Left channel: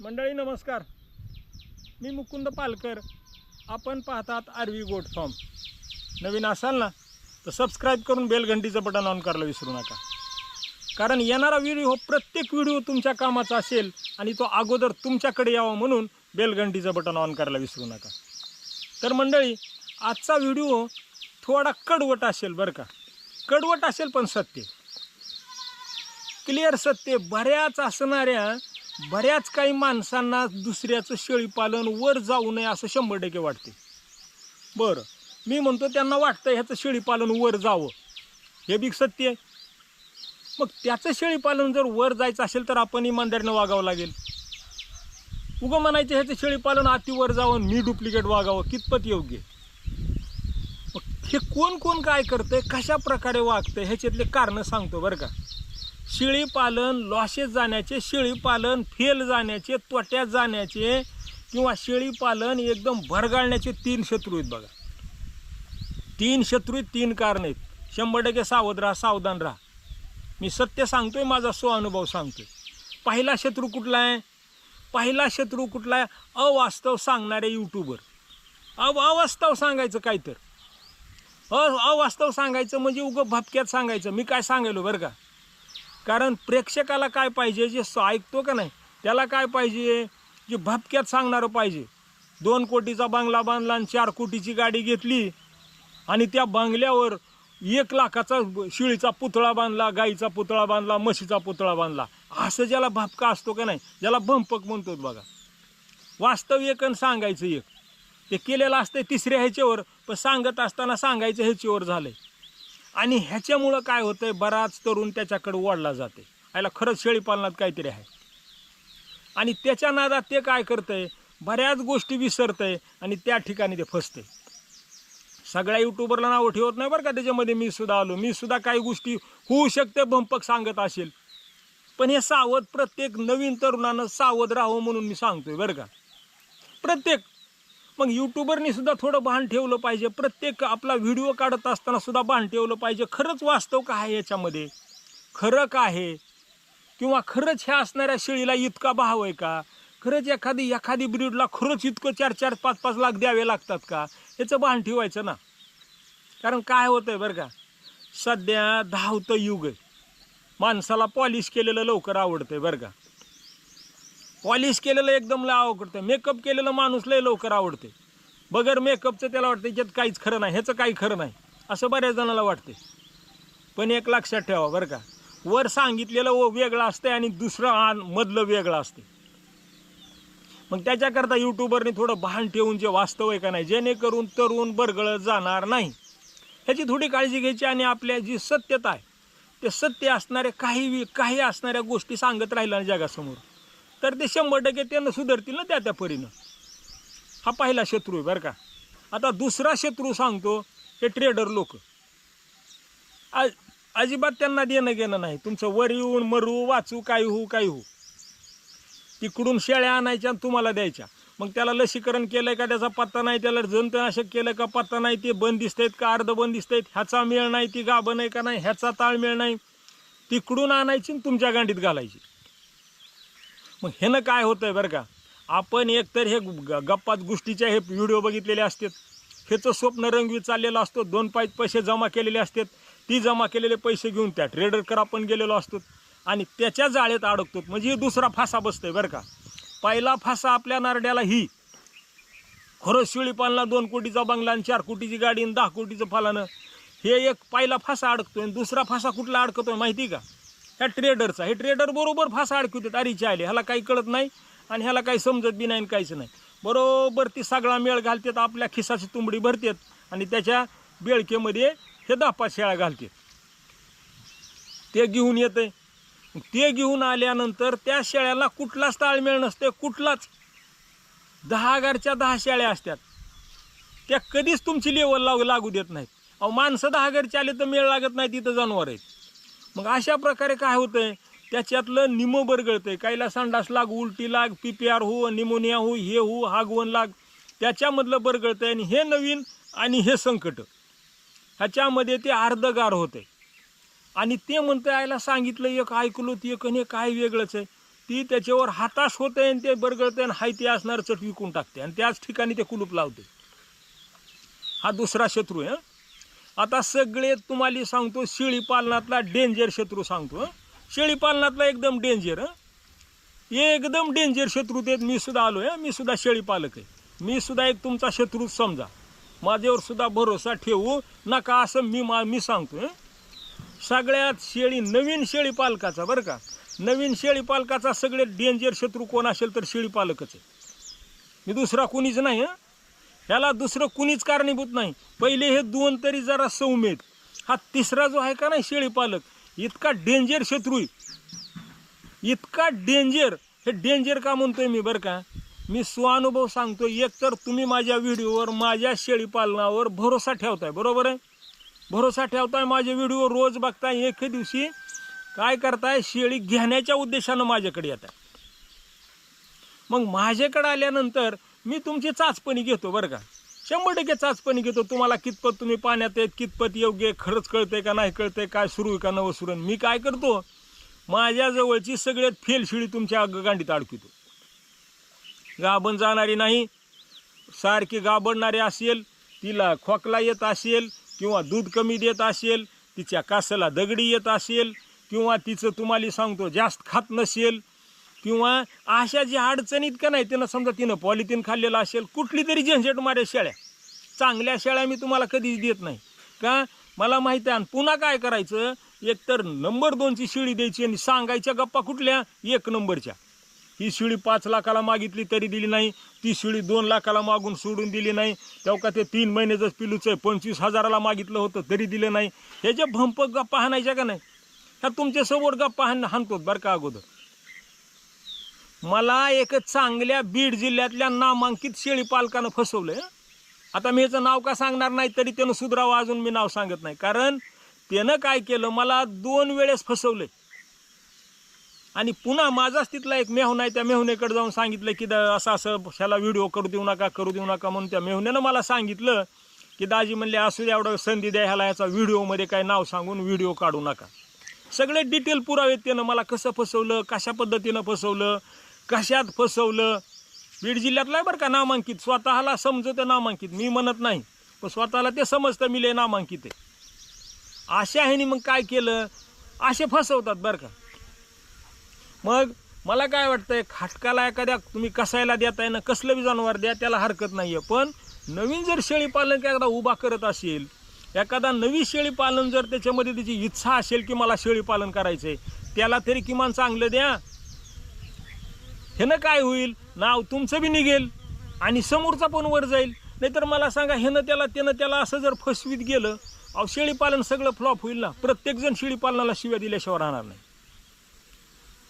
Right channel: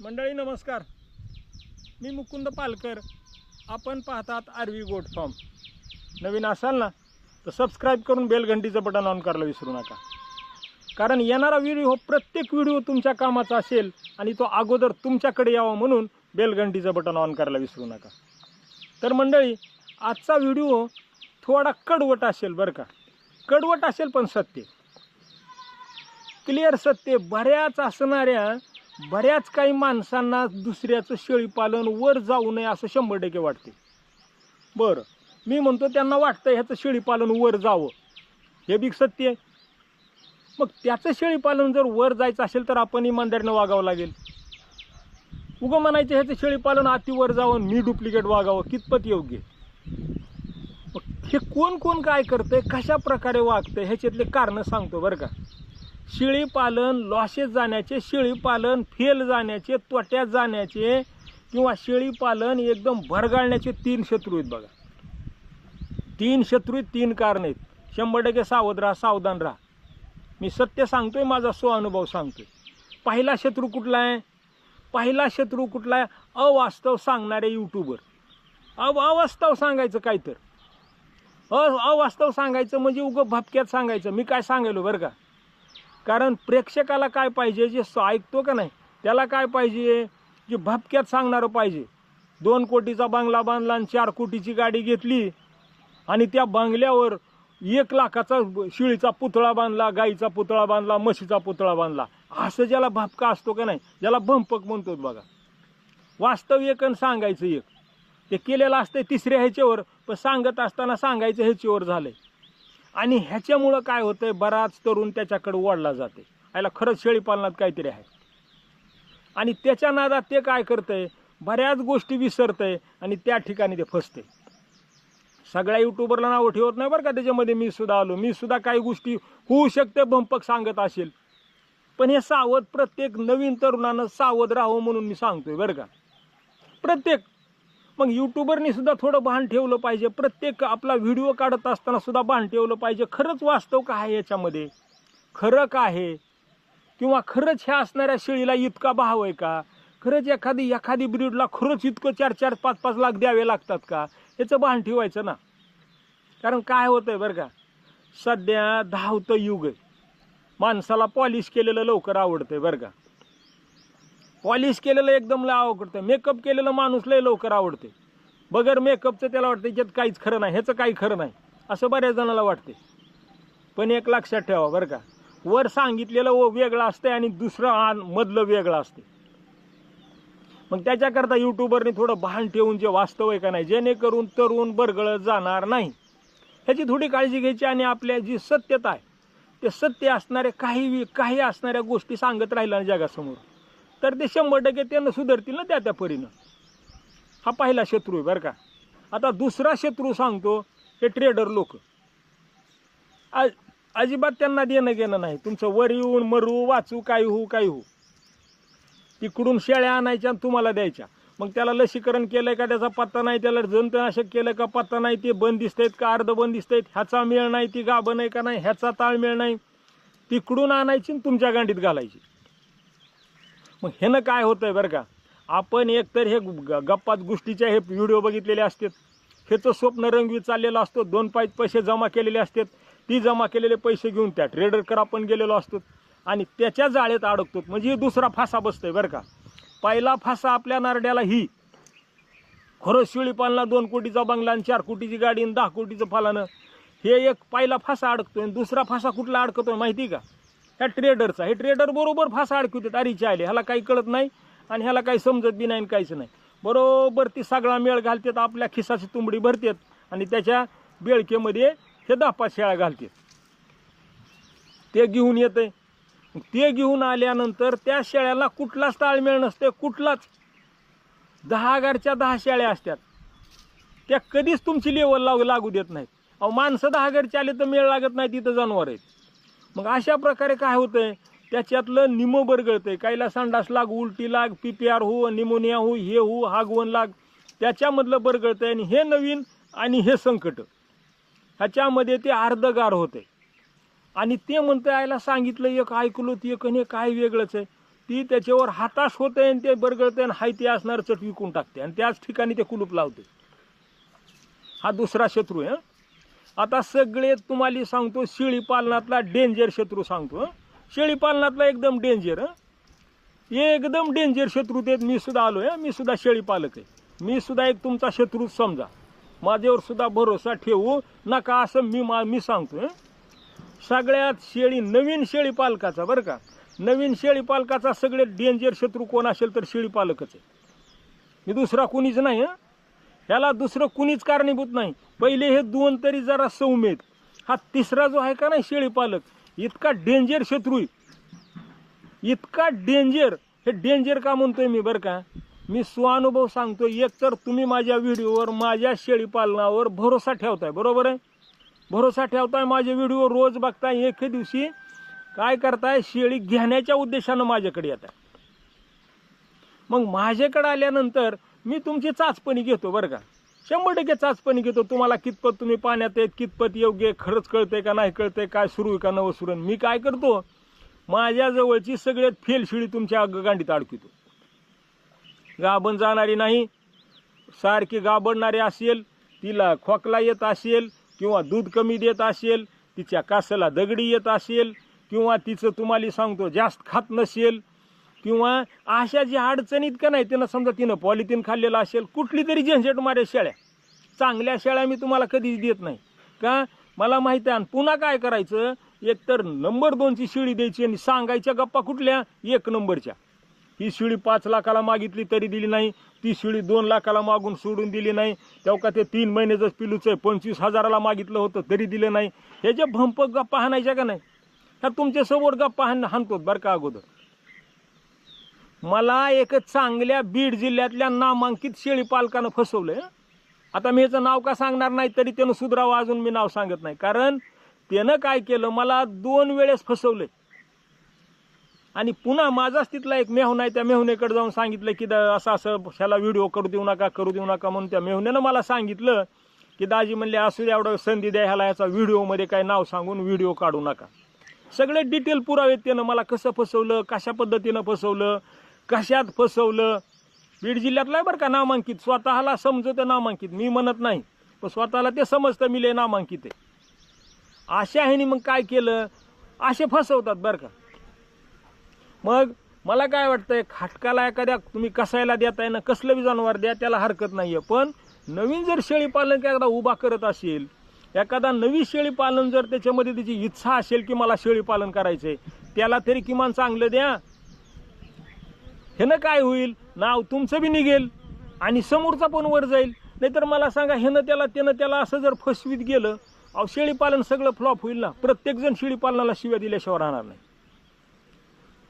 मंडळी नमस्कार. मी मुकुंद पालकर. आपण पाहतात आरवी गोट फॉर्म. नवीन असाल ना तर सबस्क्राईब करून बेलघंटीचं बटन ऑन करायला विसरू नका. कारण येणारा व्हिडिओ हो, प्रत्येक व्हिडिओ तुमच्या कामाचा असेल आणि तो अगोदर तुमच्याकडे यावा म्हणून बेलघंटीचं बटन ऑन करायला विसरू नका. तर मंडळी आजचा व्हिडिओ थोडा कडवट असेल बरं का. कडवट असेल पण सत्य. क्लिअर सत्य बऱ्याच असणाऱ्या बऱ्याच काही माणसांना दुसऱ्याचं शेळीपालन वर जाऊ नये असं शंभर टक्के वाटते. बरं मी म्हणतो त्यांना वाटतं ह्याचं शेळीपालन वर जावं. हे बी सत्य आहे. मग त्याचं शेळीपालन जर वर जायचं असेल तर आपण इमानदारीनं वागावं लागेल. उगं म्हणायचं ह्याचं शेळीपालन अतिवर जावं मी डुप्लिकेट वागावं कितपत योग्य? आहे? मग हे कोण कोण काय करतंय कशा प्रकारे वागतंय ह्याच्यातले कारणं सांगतो बरं का. शेळीपालन लॉसेस जाण्याचे शेळीपालन फेल जाण्याचे तोट्यात जाण्याचे किंवा शेळीपालन एकदम भरगाळण्याचे तीन शत्रू आहेत बघा. तीन शत्रू आहेत तीन कारण आहेत. शंभर टक्के सावध राहा सावधान राहा. मी सत्य सांगतोय माझा स्वानुभव सांगतोय. पहिला शत्रू कुठला आहे? पहिला शत्रू कुठला आहे? अवास्तव सांगणारे यूट्यूबर अव अवास्तव सांगायचं काय तर? अ अवास्तव सांगायचं म्हणजे उगं भपक्यात सांगायचं. मी काय सांगायलो बरं का? कारण प्रेक्षकाला काय पाहिजे जे स- ऐकतो का नाही त्याला काय पाहिजे? जे भपक्यात सांगणारं पाहिजे. दोन कोटीचा बंगला बांधला आणि चार कोटीची गाडी घेतली आणि त्या बंगल्यावर एक लाखाचा शिळीचा पुतळा बांधला गाईचा पुतळा बांधला म्हशीचा पुतळा बांधला. असं ज्याला भपका असतो का नाही ज्याला भंपक म्हणतो बघा. वास्तव एक आणि सांगायचं एक. ते केलेलं असतं तिसऱ्या ह्याच्यावर पण सांगत असताना सांगायचं ह्याच्यावर झालं आहे आणि ह्याच्यामुळं काय होतं आहे बराच तरुण त्याच्याकडे ओढला जाते याला खरंच शेळीपालनात काहीतरी आहे. आणि त्याच्या नादात ते काय करतं आहे बऱ्याच गोष्टी विसरतं आहे आणि त्या ठिकाणी ते फसतंय. सगळ्या युट्यूबरला नावं ठेवत नाही बरं का त्याच्यामध्ये मी सुद्धा आलो. मी सुद्धा काही गोष्टी होऊ शकते बंपक सांगत असेल. पण हे सावध प्रत्येक नवीन तरुणानं सावध राहावं म्हणून मी सांगतोय बरं का. प्रत्येक मग यूट्यूबरनी सुद्धा थोडं भान ठेवलं पाहिजे. प्रत्येक आपला व्हिडिओ काढत असताना सुद्धा भान ठेवलं पाहिजे. खरंच वास्तव का आहे याच्यामध्ये? खरं काय आहे? किंवा खरंच ह्या असणाऱ्या शेळीला इतका भाव आहे का? खरंच एखादी एखादी ब्रीडला खरंच इतकं चार चार पाच पाच लाख द्यावे लागतात का? याचं भान ठेवायचं ना. कारण काय होतं आहे बरं का? सध्या धावतं युग आहे. माणसाला पॉलिश केलेलं लवकर आवडतं आहे बरं का? पॉलिश केलेलं एकदम लय आवडतं मेकअप केलेलं माणूस लय लवकर आवडते. बगर मेकअपचं त्याला वाटतं याच्यात काहीच खरं नाही ह्याचं काही खरं नाही. असं बऱ्याच जणाला वाटते. पण एक लक्षात ठेवा बरं का. वर सांगितलेलं व वेगळं असतंय आणि दुसरं आन मधलं वेगळं असते मग त्याच्याकरता यूट्यूबरने थोडं भान ठेवून जे वास्तव आहे का नाही जेणेकरून तरुण बरगळत जाणार नाही. ह्याची थोडी काळजी घ्यायची आणि आपल्या जी सत्यता आहे ते सत्य असणारे काही काही असणाऱ्या गोष्टी सांगत राहिल्या जगासमोर. तर ते शंभर टक्के त्यांना सुधारतील ना त्या त्या परीनं. हा पहिला शत्रू आहे बरं का. आता दुसरा शत्रू सांगतो हे ट्रेडर लोक. अजिबात त्यांना देणं घेणं नाही. तुमचं वर येऊन मरू वाचू काय होऊ काय होऊ. तिकडून शेळ्या आणायच्या आणि तुम्हाला द्यायच्या. मग त्याला लसीकरण केलं का त्याचा पत्ता नाही त्याला जंतनाशक केलं का पत्ता नाही ते बंद आहेत का अर्ध बंद आहेत ह्याचा मेळ नाही ती गाभ आहे का नाही ह्याचा ताळमेळ नाही. तिकडून आणायची आणि तुमच्या गांडीत घालायची. मग ह्यानं काय होतं आहे बरं का? आपण एकतर हे ग- गप्पात गोष्टीचे हे व्हिडिओ बघितलेले असतात. ह्याचं स्वप्न रंगवीत चाललेलं असतो. दोन पाच पैसे जमा केलेले असतात. ती जमा केलेले पैसे घेऊन त्या ट्रेडरकर आपण गेलेलो असतो. आणि त्याच्या जाळ्यात अडकतो. म्हणजे दुसरा फासा बसतोय बरं का? पहिला फासा आपल्या नारड्याला ही. खरंच शिळीपालना दोन कोटीचा बंगला आणि चार कोटीची गाडी आणि दहा कोटीचं फालानं. हे एक पहिला फासा अडकतोय आणि दुसरा फासा कुठला अडकतोय माहिती का? ह्या ट्रेडरचा हे ट्रेडर बरोबर फासा अडकवतात अरीचे आले ह्याला काही कळत नाही आणि ह्याला काही समजत बी नाही आणि काहीच नाही. बरोबर ती सगळा मेळ घालतात आपल्या खिसाची तुंबडी भरतात आणि त्याच्या बेळकेमध्ये हे दहा पाच शेळ्या घालतात. ते घेऊन येते ते घेऊन आल्यानंतर त्या शेळ्याला कुठलाच ताळमेळ नसते कुठलाच. दहा हजारच्या दहा शेळ्या असतात त्या कधीच तुमची लेवल लागू लागू देत नाहीत. अहो माणसं दहा हजारचे आले तर मेळ लागत नाही तिथं जनावर आहेत. मग अशा प्रकारे काय होतंय? त्याच्यातलं निमो बरगळतंय. काहीला संडास लाग उलटी लाग पी पी आर हो निमोनिया हो हे हो हागवण लाग. त्याच्यामधलं बरगळतंय आणि हे नवीन आणि हे संकट. ह्याच्यामध्ये ते अर्धगार होते आणि ते म्हणतं आईला सांगितलं एक ऐकलो ते एक आणि काय वेगळंच आहे. ती त्याच्यावर हाताश होते आणि ते बरगळते आणि हाय ते असणार चट विकून टाकते आणि त्याच ठिकाणी ते कुलूप लावते हा दुसरा शत्रू आहे हं. आता सगळे तुम्हाला सांगतो शेळी पालनातला डेंजर शत्रू सांगतो शेळी पालनातला एकदम डेंजर एकदम डेंजर शत्रू ते मी सुद्धा आलो आहे मी सुद्धा शेळी पालक आहे. मी सुद्धा एक तुमचा शत्रूच समजा. माझ्यावर सुद्धा भरोसा ठेवू नका असं मी मा मी सांगतो सगळ्यात शेळी नवीन शेळी पालकाचा बरं का. नवीन शेळी पालकाचा सगळे डेंजर शत्रू कोण असेल तर शेळी पालकच आहे. मी दुसरा कुणीच नाही हां. ह्याला दुसरं कुणीच कारणीभूत नाही. पहिले हे दोन तरी जरा सौम्यत हा तिसरा जो आहे का नाही शेळीपालक इतका डेंजर शत्रू आहे. इतका डेंजर हे डेंजर का म्हणतोय मी बरं का? मी स्वानुभव सांगतो एक तर तुम्ही माझ्या व्हिडिओवर माझ्या शेळीपालनावर भरोसा ठेवताय बरोबर आहे? भरोसा ठेवताय माझे व्हिडिओ रोज बघताय एक दिवशी काय करताय? शेळी घेण्याच्या उद्देशानं माझ्याकडे येत आहे मग माझ्याकडे आल्यानंतर मी तुमची चाचपणी घेतो बरं का. शंभर टक्के चाचपणी घेतो. तुम्हाला कितपत तुम्ही पाण्यात आहेत कितपत योग्य खरंच कळतंय का नाही कळतंय काय सुरू आहे का नवं सुरू मी काय करतो माझ्या जवळची सगळ्यात फेलशिळी तुमच्या गांडीत अडकितो गाभण जाणारी नाही सारखी गाबडणारी असेल तिला खोकला येत असेल किंवा दूध कमी देत असेल तिच्या कासाला दगडी येत असेल किंवा तिचं तुम्हाला सांगतो जास्त खात नसेल किंवा अशा ज्या अडचणीत का नाही तिनं समजा तिनं पॉलिथिन खाल्लेलं असेल कुठली तरी झंझट मारे शेळ्या. चांगल्या शेळ्या मी तुम्हाला कधीच देत नाही. का? मला माहिती आहे आणि पुन्हा काय करायचं? एक तर नंबर दोनची शिळी द्यायची आणि सांगायच्या गप्पा कुठल्या? एक नंबरच्या. ही शिळी पाच लाखाला मागितली तरी दिली नाही ती शिळी दोन लाखाला मागून सोडून दिली नाही तेव्हा का ते तीन महिने जर पिलूचं आहे पंचवीस हजाराला मागितलं होतं तरी दिलं नाही. हे जे भंप गप्पा हाणायच्या का नाही? ह्या तुमच्यासमोर गप्पा हाण हाणतो बरं का अगोदर. मला एक चांगल्या बीड जिल्ह्यातल्या नामांकित शेळी पालकानं फसवलंय. आता मी याचं नाव का सांगणार नाही तरी त्यानं सुधरावं अजून मी नाव सांगत नाही. कारण त्यानं काय केलं मला दोन वेळेस फसवलंय. आणि पुन्हा माझाच तिथला एक मेहून आहे त्या मेहुनेकडे जाऊन सांगितलं की असं असं ह्याला व्हिडिओ करू देऊ नका करू देऊ नका म्हणून त्या मेहुनेनं मला सांगितलं की दाजी म्हणले असू द्या एवढं संधी द्या ह्याला याचा व्हिडिओमध्ये काय नाव सांगून व्हिडिओ काढू नका. सगळे डिटेल पुरावे त्यानं मला कसं फसवलं कशा पद्धतीनं फसवलं कशात फसवलं? बीड जिल्ह्यातलं आहे बरं का नामांकित. स्वतःला समजतं नामांकित. मी म्हणत नाही पण स्वतःला ते समजतं मी लय नामांकित आहे. अशा ह्यानी मग काय केलं? असे फसवतात बरं का. मग मला काय वाटतंय खाटकाला एखाद्या तुम्ही कसायला देताय ना कसलं बी जनावर द्या त्याला हरकत नाही आहे पण नवीन जर शेळीपालन एखादा उभा करत असेल एखादा नवी शेळीपालन जर त्याच्यामध्ये त्याची इच्छा असेल की मला शेळीपालन करायचं आहे त्याला तरी किमान चांगलं द्या. ह्यानं काय होईल? नाव तुमचं बी निघेल. आणि समोरचा पण वर जाईल. नाहीतर मला सांगा ह्यानं त्याला त्यानं त्याला असं जर फसवीत गेलं अहो शेळीपालन सगळं फ्लॉप होईल ना? प्रत्येकजण शेळीपालनाला शिव्या दिल्याशिवाय राहणार नाही.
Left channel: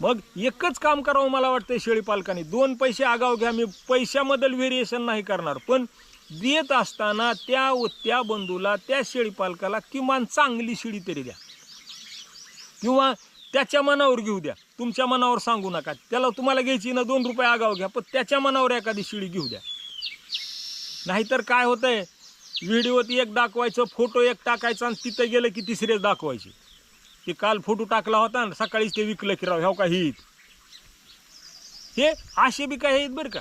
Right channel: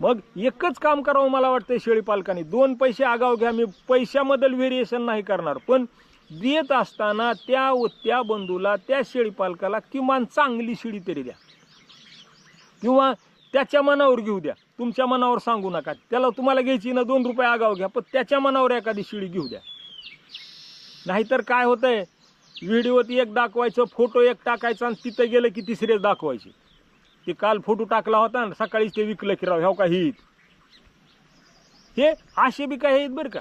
मग एकच काम करावं मला वाटतं शेळीपालकाने. दोन पैसे आगाव घ्या. मी पैशामधील व्हेरिएशन नाही करणार. पण देत असताना त्या व त्या बंधूला त्या शेळीपालकाला किमान चांगली शिडी तरी द्या. किंवा त्याच्या मनावर घेऊ द्या. तुमच्या मनावर सांगू नका. त्याला तुम्हाला घ्यायची ना दोन रुपये आगाव घ्या पण त्याच्या मनावर एखादी शिळी घेऊ द्या. नाहीतर काय होतंय व्हिडिओत एक दाखवायचं फोटो एक टाकायचा आणि तिथं गेलं की तिसरेच दाखवायचे. ते काल फोटो टाकला होता ना सकाळीच ते विकलं की राव ह्या का हे हे असे बी काय आहेत बरं का.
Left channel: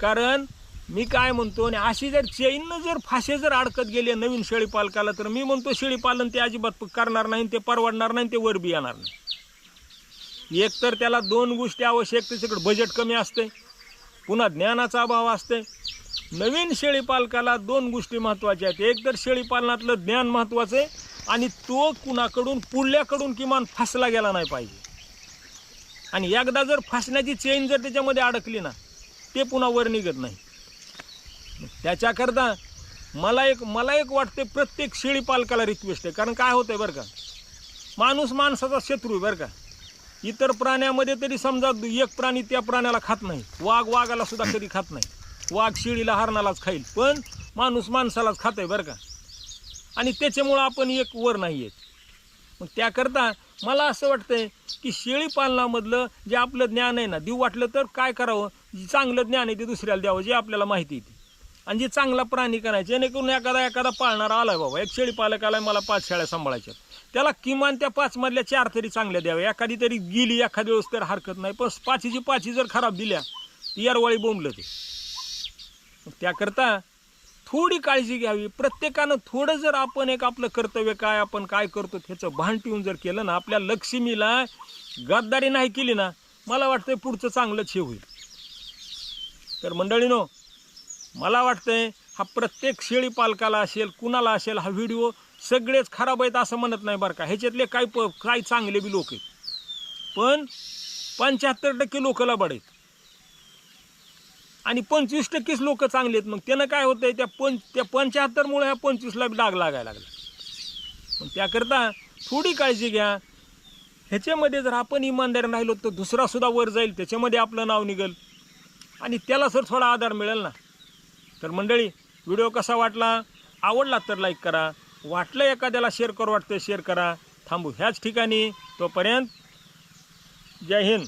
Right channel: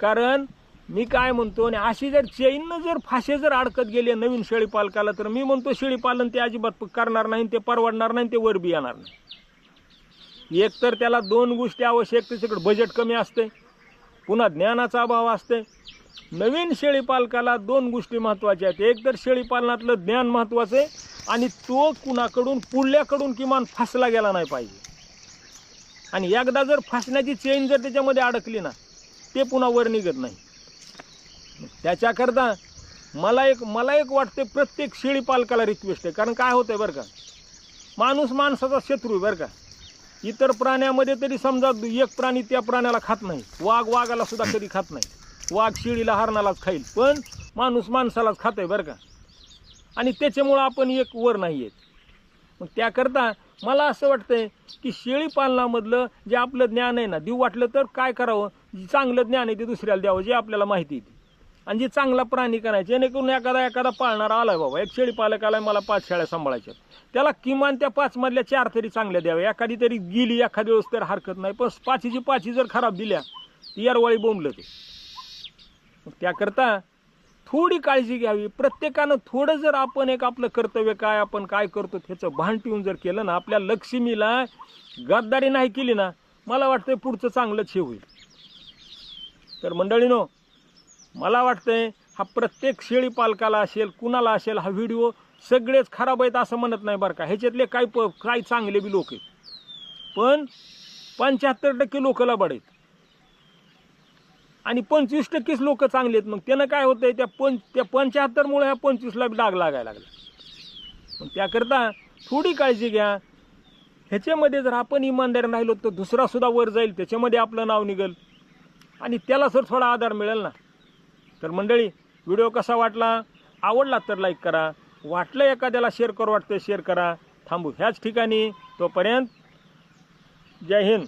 कारण मी काय म्हणतो आणि अशी जर चैननं जर फाशे जर अडकत गेले नवीन शेळी पालकाला तर मी म्हणतो शेळी पालन ते अजिबात करणार नाही ते परवडणार नाही ते वर बी येणार नाही. एक तर त्याला दोन गोष्टी आवश्यक त्याच्याकडे बजेट कमी असते पुन्हा ज्ञानाचा अभाव असते. नवीन शेळीपालकाला दोन गोष्टी महत्त्वाच्या आहेत. एक तर शेळीपालनातलं ज्ञान महत्त्वाचं आहे आणि तो कुणाकडून पुढल्याकडून किमान फसला गेला नाही पाहिजे. आणि एकदा जर फसण्याची चेन जर त्याच्यामध्ये अडकली ना ते पुन्हा वर निघत नाही. त्याच्याकरता मला एक मला एक वाटते प्रत्येक शेळीपालकाला रिक्वेस्ट आहे. कारण काय होतं आहे बरं का माणूस माणसाचा शत्रू आहे बरं का. इतर प्राण्यामध्ये तरी समजा एक प्राणी त्या प्राण्याला खात नाही. वाघ वाघाला सुद्धा कधी खात नाही. वाघ शेळीला हरणालाच खाईल. पण माणूस माणसालाच खातोय बरं का. आणि त्याच्यामुळं आपण एक वर नाही आहेत मग त्याकरता मला असं वाटतंय की शेळी पालनामधलं जे आपलं ज्ञान आहे ना देऊ वाटलं तर काय करावं? जे चांगलं ज्ञान आहे ते दुसऱ्याला द्यावं जे आपल्याला माहिती येते आणि जे चांगला प्राणी करायचे जेणेकरून एखादा एखादा पाळणारा आलाय बाबा. एक शेळी पालक आलाय मला पाच शेळ्या सांभाळायच्या त्याला किमान त्या पाचमधल्या चार तरी चांगल्या द्याव्या. एखादी तरी गेली एखादी वेळेस तर हरकत नाही. पण पाचीची पाची जर खराब दिल्या ती यारवाळी बोंबलं ते. त्याकरता थोडी काळजी घ्यावी. प्रत्येकानं थोडं जर आपण एक आपलं कर्तव्य काय आपण काय करतो ह्याचं भान ठेवून जर केलं ना आपल्या लक्ष्मीला गद्दारी नाही केली ना मला वाटतंय पुढचं चांगलंच हे होईल. तर मंडळीनो मला वाटतंय हा प्रत्येक शेळी पालकाला असेल कुणाला असेल हा व्हिडिओ सगळेच खराब आहेत असं म्हणत नाही बरं का. ह्याच्यातले काय प काय चांगले बी लोक आहेत. पण पंच्याहत्तर टक्के लोक लबाड आहेत. आणि पंचवीस टक्केच लोक चांगले आहेत. मग त्यानं काय होतं आहे त्या पं त्या पंच्याहत्तरमुळे ह्या पंचवीसला बी डाग लागायला लागला. मग त्याकरता थोडी काळजी घ्या. ह्याच्यामध्ये जर आपण इमानदार राहिलो तर दुसरासुद्धा वर जाईल त्याच्यामध्ये आपलं नाव निघेल. आणि त्याला सर थोडा आधार मिळेल ना. तर मंडळी व्हिडिओ कसा वाटला? आवडला तर लाईक करा. वाटलं एखाद्याला शेअर करू वाटतं शेअर करा. थांबू ह्याच ठिकाणी. तोपर्यंत जय हिंद.